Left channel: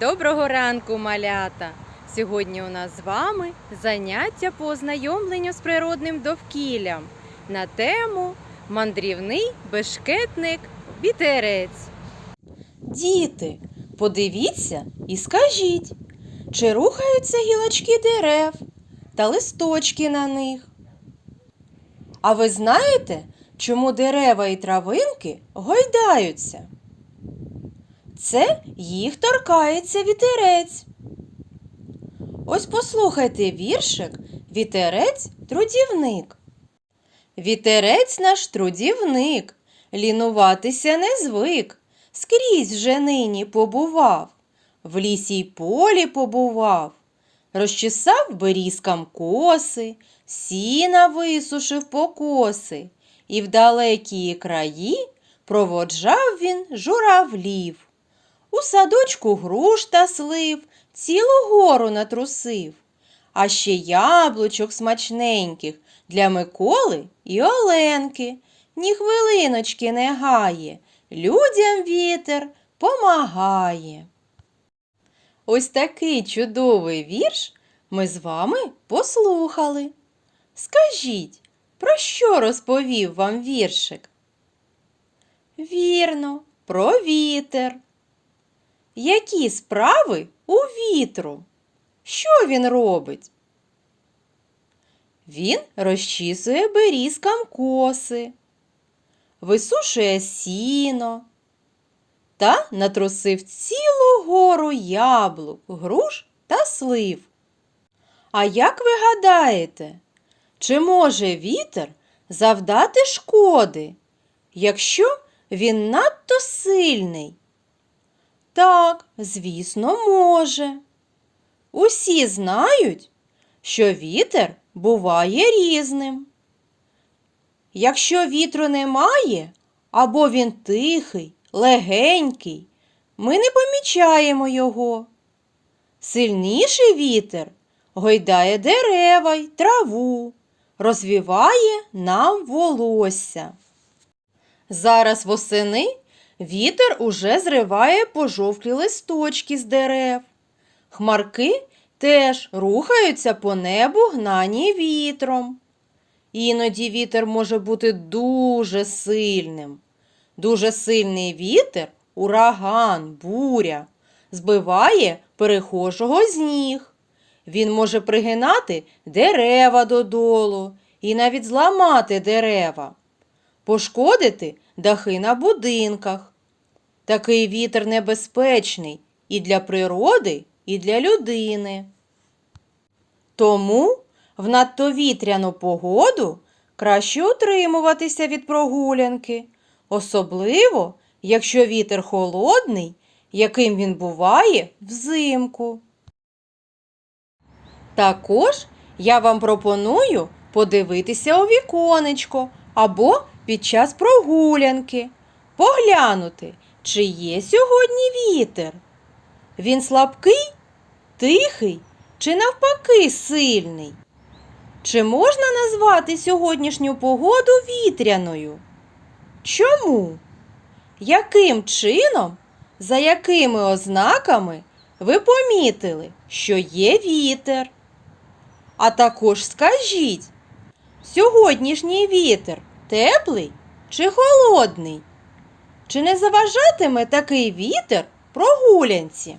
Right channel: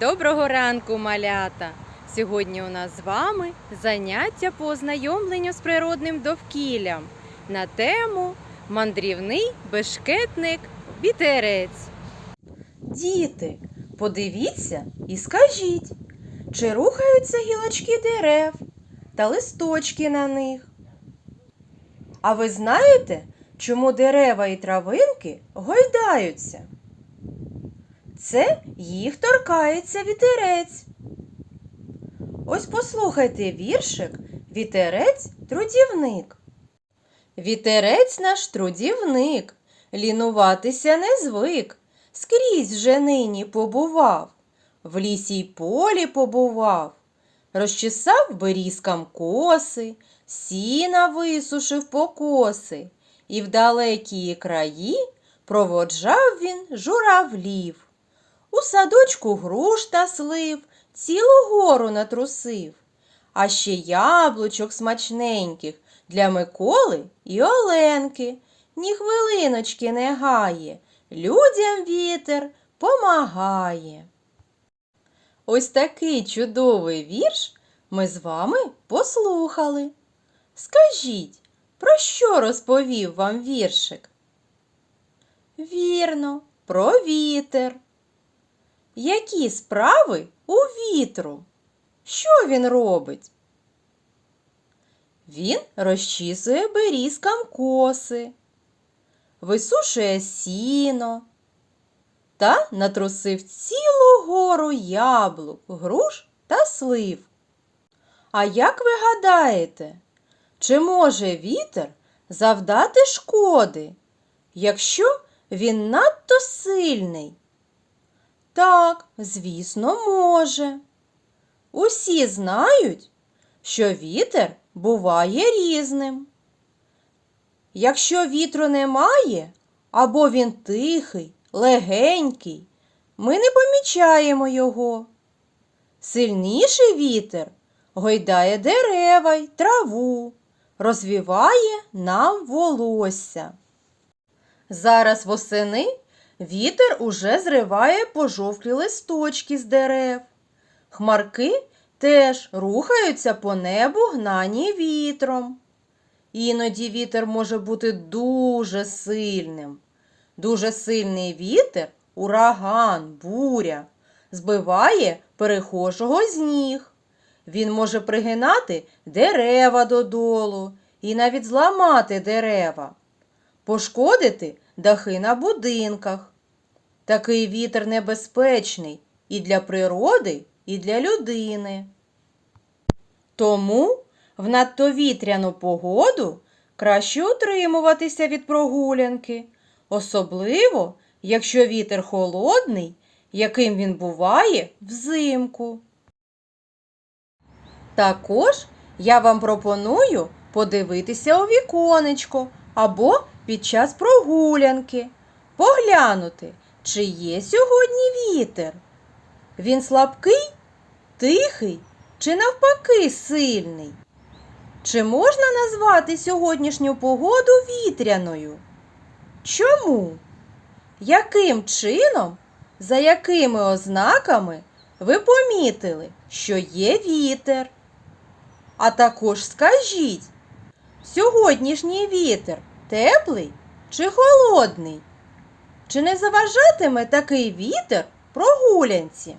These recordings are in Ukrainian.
Доброго ранку, малята! Сьогодні у нас з вами заняття по ознайомленню з природним довкіллям на тему мандрівний бешкетник вітерець. Діти, подивіться і скажіть, чи рухаються гілочки дерев та листочки на них? А ви знаєте, чому дерева і травинки гойдаються? Це їх торкається вітерець. Ось послухайте віршик Вітерець трудівник. Вітерець наш трудівник, лінуватися не звик, скрізь вже нині побував, в лісі й полі побував, розчесав берізкам коси, сіна висушив покоси, і в далекі краї проводжав він журавлів. У садочку груш та слив, цілу гору натрусив, а ще яблучок смачненьких для Миколи і Оленки. Ні хвилиночки не гає, людям вітер помагає. Ось такий чудовий вірш ми з вами послухали. Скажіть, про що розповів вам віршик? Вірно, про вітер. Які справи у вітру? Що він робить? Він розчісує берізкам коси, висушує сіно та натрусив цілу гору яблук, груш та слив. А як ви гадаєте, чи може вітер завдати шкоди, якщо він надто сильний? Так, звісно, може. Усі знають, що вітер буває різним. Якщо вітру немає, або він тихий, легенький, ми не помічаємо його. Сильніший вітер гойдає дерева й траву, розвіває нам волосся. Зараз восени Вітер уже зриває пожовклі листочки з дерев. Хмарки теж рухаються по небу гнані вітром. Іноді вітер може бути дуже сильним. Дуже сильний вітер, ураган, буря, збиває перехожого з ніг. Він може пригинати дерева додолу і навіть зламати дерева, пошкодити дахи на будинках. Такий вітер небезпечний і для природи, і для людини. Тому в надто вітряну погоду краще утримуватися від прогулянки, особливо, якщо вітер холодний, яким він буває взимку. Також я вам пропоную подивитися у віконечко або під час прогулянки, поглянути, чи є сьогодні вітер. Він слабкий, тихий чи навпаки сильний? Чи можна назвати сьогоднішню погоду вітряною? Чому? Яким чином, за якими ознаками ви помітили, що є вітер? А також скажіть, Сьогоднішній вітер теплий чи холодний? Чи не заважатиме такий вітер прогулянці?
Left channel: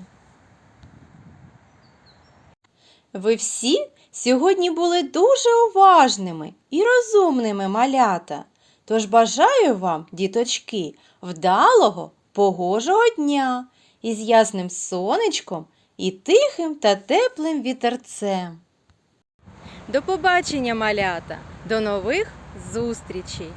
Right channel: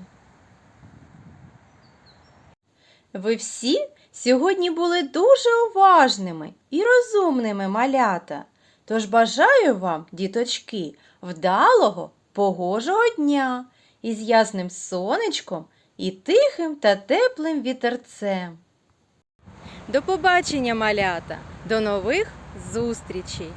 Ви всі сьогодні були дуже уважними і розумними малята. Тож бажаю вам, діточки, вдалого, погожого дня із ясним сонечком і тихим та теплим вітерцем. До побачення, малята! До нових зустрічей!